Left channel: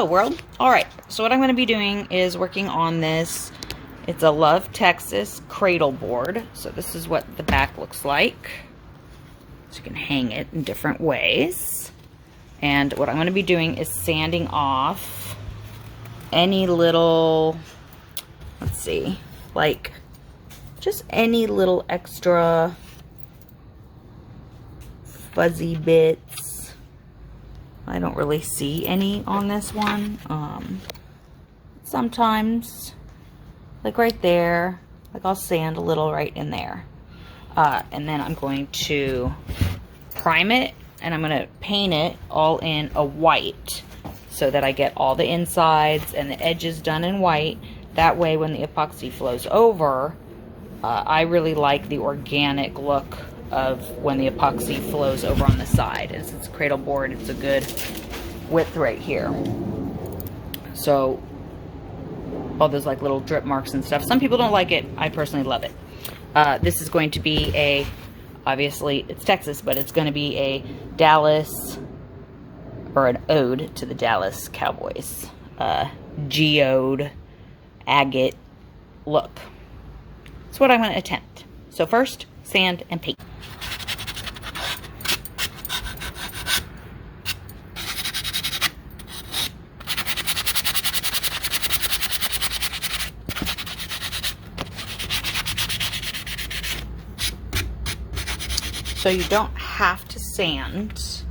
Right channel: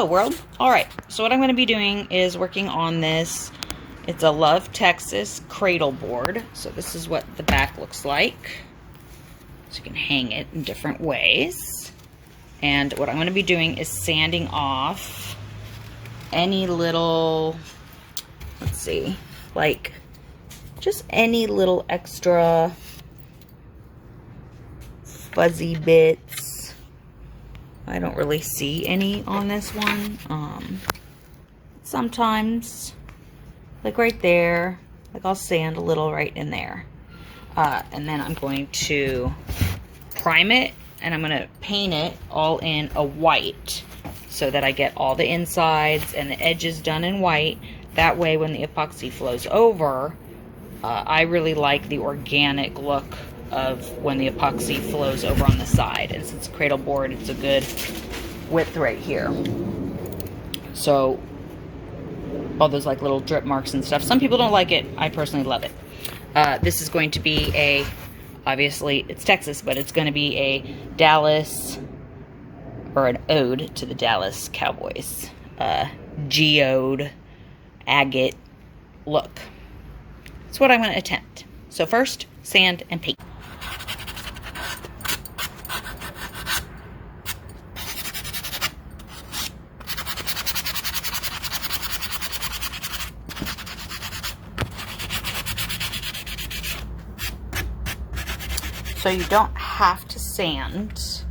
Hello world. Alright, so what I'm going to be doing is working on this. It's a Love Texas cradle board. So this is what the back looks like. So you can hang it in different ways. And what I'm going to be doing is sanding off any little, let's see, like just any little extra fuzzy bits. I don't really see any on this one. Sometimes, like right there, like I'll sand a little right in there. And then I'm going to prime it and I'm going to paint it all in a white so that I get all the insides and the edges done in white. That way when the epoxy flows over, I really like the organic look of when the epoxy flows over on the side. And since it's a cradle board, it's a good width right here. So all those like little drip marks and stuff. Some people don't like it. I personally love it. This is going to be obviously it's Texas, but it's going to be a Dallas, or an ode to the Dallas Cowboys. Geode, agate look. That's what I'm going to attempt. So first, sand and paint. So you don't have to sand.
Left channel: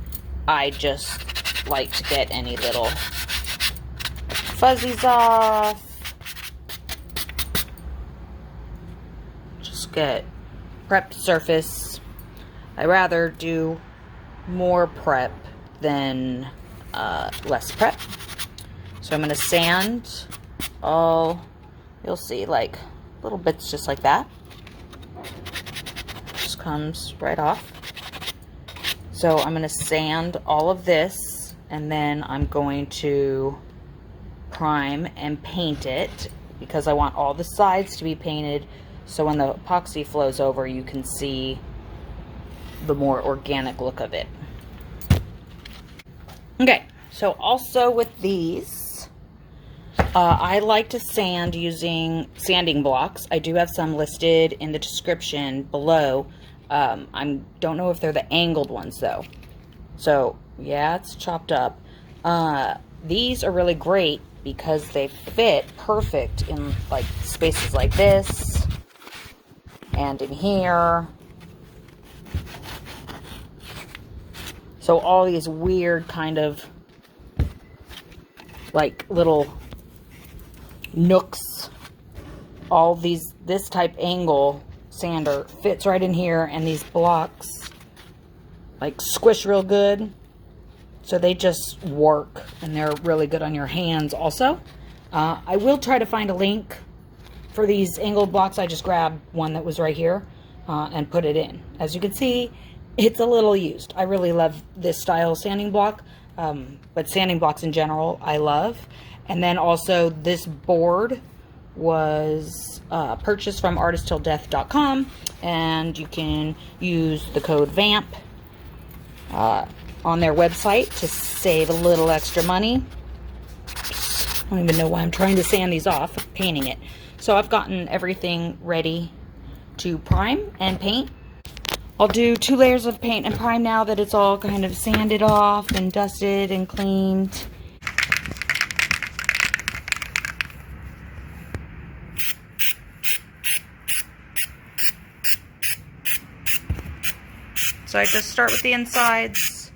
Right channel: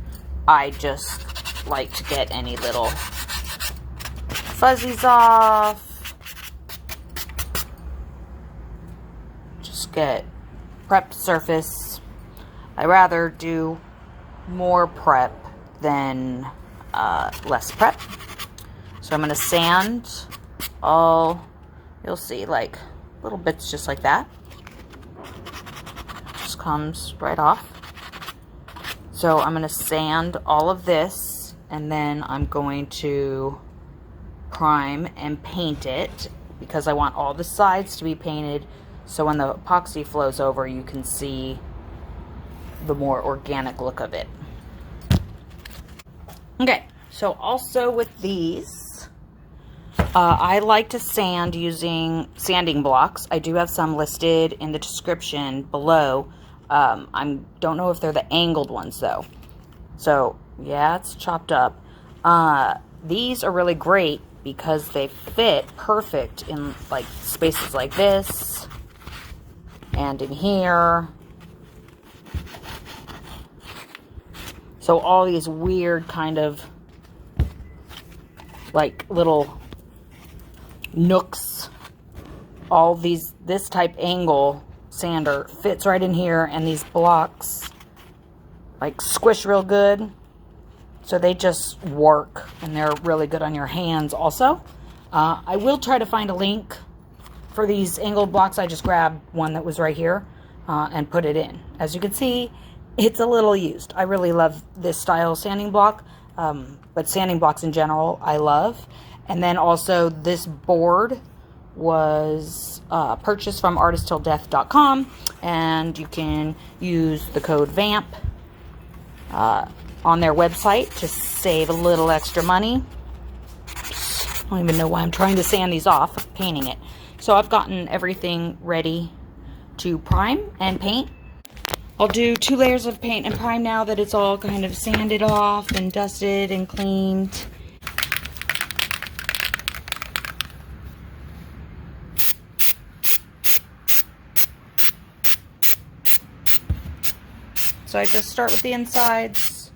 I just like to get any little fuzzies off. Just get prepped surface. I rather do more prep than less prep. So I'm going to sand all, you'll see, like little bits just like that. Comes right off. So I'm going to sand all of this and then I'm going to prime and paint it because I want all the sides to be painted so when the epoxy flows over you can see the more organic look of it. Okay, so also with these I like to sand using sanding blocks. I do have some listed in the description below. I don't know if they're the angled ones though. So yeah, it's chopped up. These are really great because they fit perfect in like spaces like this and in here. So all these weird kind of like little nooks, all these, this type angle sander fits right in here, and these blocks like squish real good, so they just work and they're really good on your hands also. I will try to find a link for these angled blocks. I just grabbed one that was right here and put it in. As you can see, it's a little used. I really love this style sanding block, but sanding blocks in general I love. And then also this board was purchased from artisttilldeath.com, and you can use the code VAMP on their website to save a little extra money. I don't even know why I'm trying to sand these off, painting it. So I've gotten everything ready to prime and paint. I'll do 2 layers of paint and prime now that it's all kind of sanded off and dusted and cleaned. So I just start with the insides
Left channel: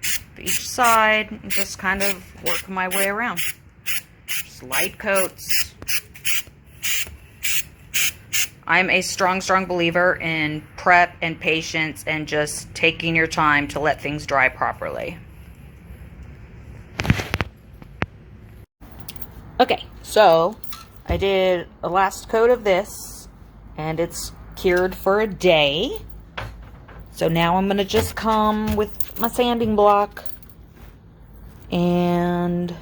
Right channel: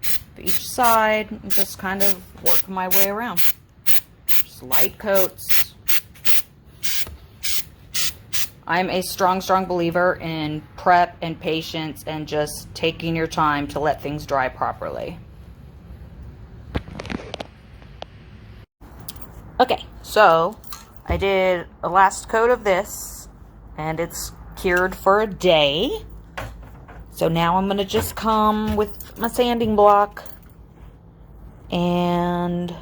of each side and just kind of work my way around. Just light coats. I'm a strong believer in prep and patience and just taking your time to let things dry properly. Okay, so I did a last coat of this and it's cured for a day. So now I'm going to just come with my sanding block and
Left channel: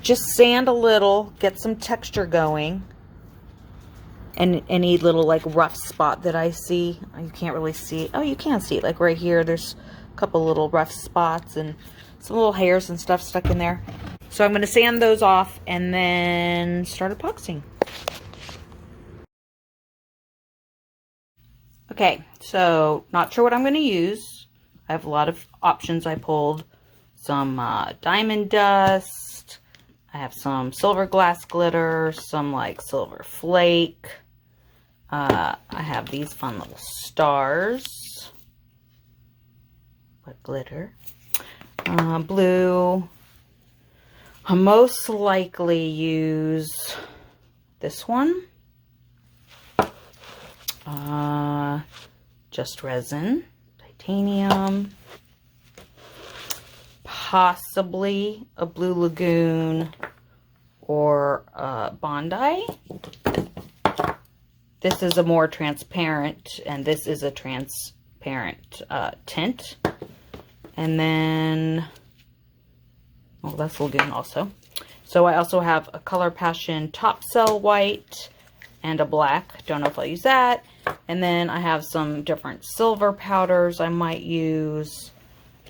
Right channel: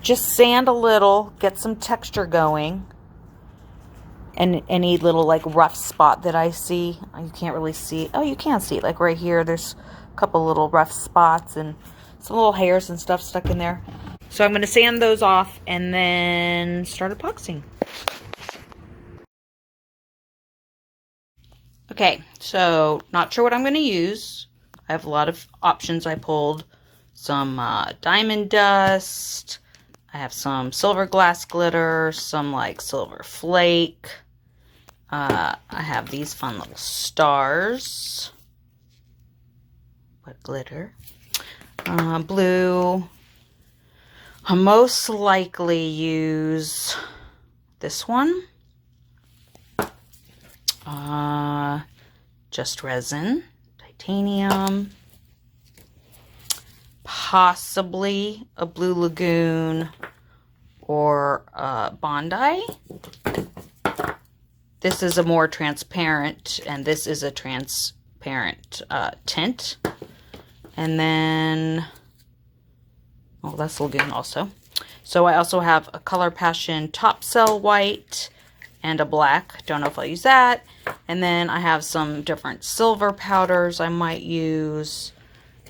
just sand a little, get some texture going. And any little like rough spot that I see, you can't really see. Oh, you can see it, like right here. There's a couple little rough spots, and some little hairs and stuff stuck in there. So I'm going to sand those off and then start epoxying. Okay, so not sure what I'm going to use. I have a lot of options. I pulled some diamond dust. I have some silver glass glitter, some like silver flake. I have these fun little stars. What glitter? Blue. I'll most likely use this one. Just resin. Titanium. Possibly a Blue Lagoon or Bondi. This is a more transparent, and this is a transparent tint. And then, oh, that's Lagoon also. So I also have a Color Passion Top Cell White and a black. Don't know if I'll use that. And then I have some different silver powders I might use.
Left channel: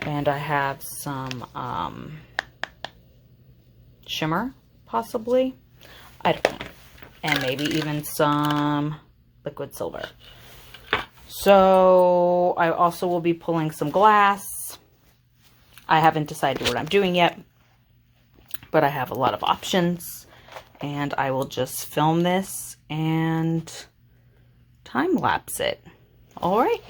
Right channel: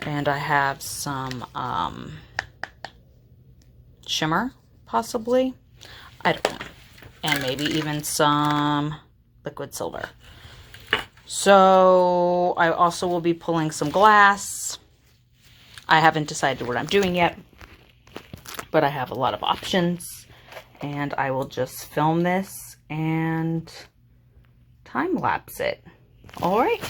And I have some shimmer, possibly. I don't know. And maybe even some liquid silver. So I also will be pulling some glass. I haven't decided what I'm doing yet, but I have a lot of options. And I will just film this and time lapse it. All right.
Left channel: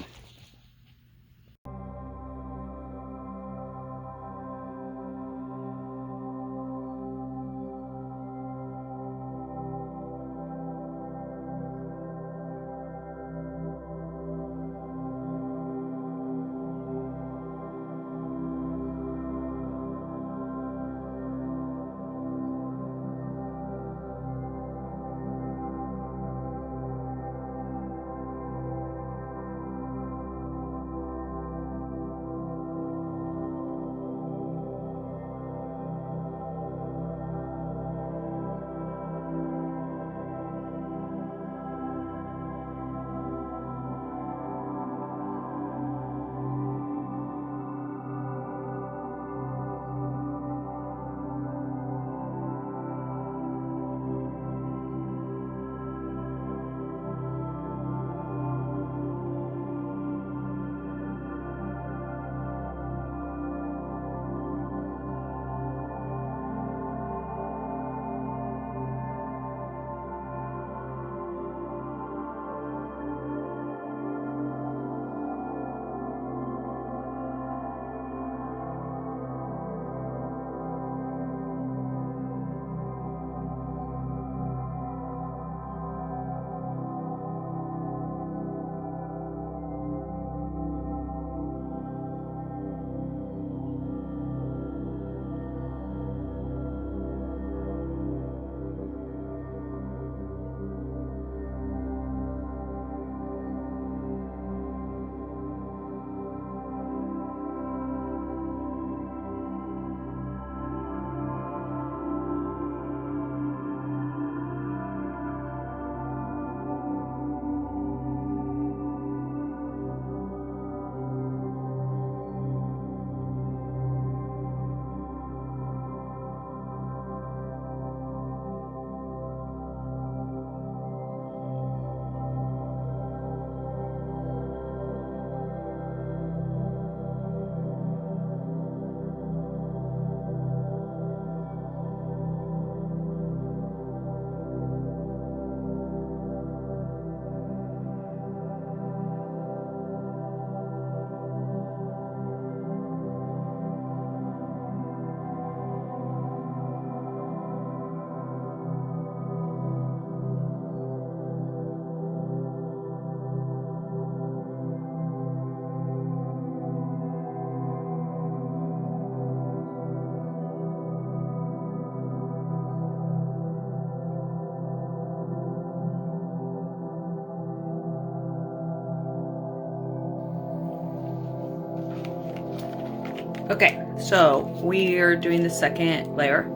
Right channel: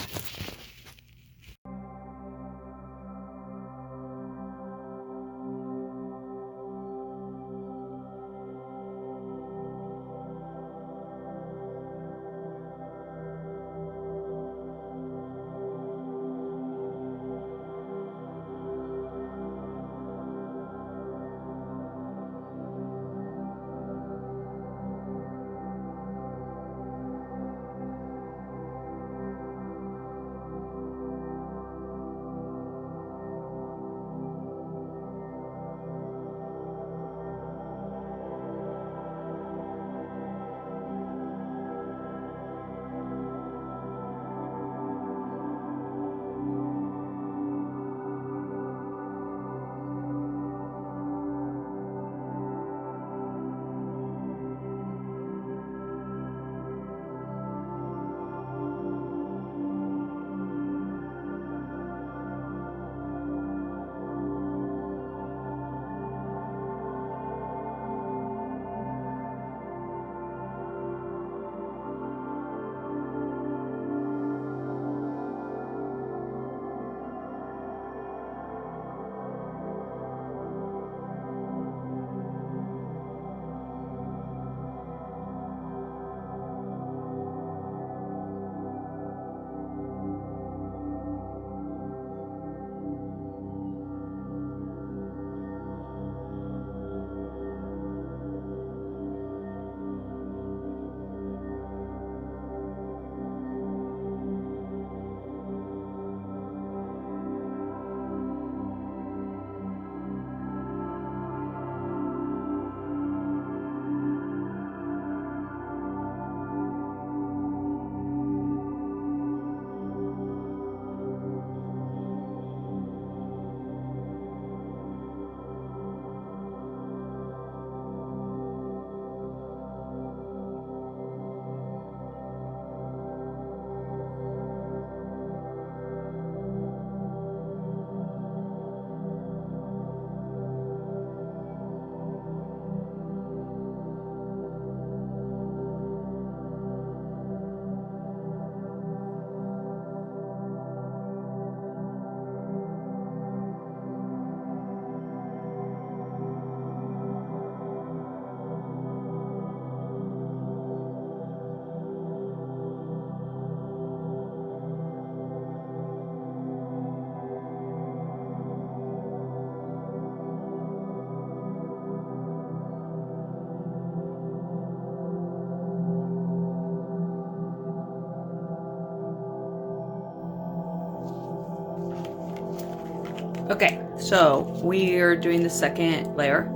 Okay, so we're doing the second layer.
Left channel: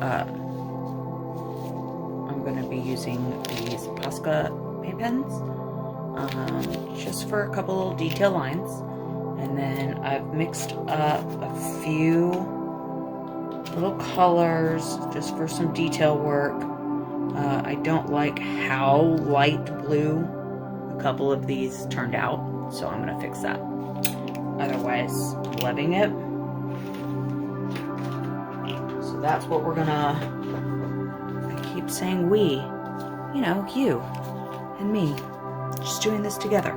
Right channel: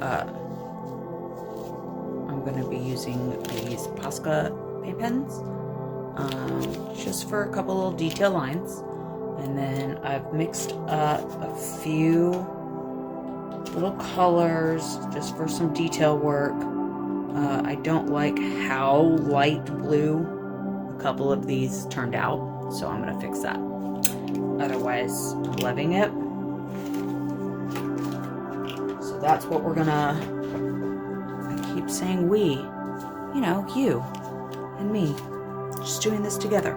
I'm going to be using these Posca paint pens just for a couple little detail lines. And then I've mixed up a few little colors just for some detail work. I don't like how light blue a couple of these turned out, so I'm gonna fix that. Otherwise, I'm loving it. So that's what we're gonna, I keep saying we, you know, you and me, just doing this together.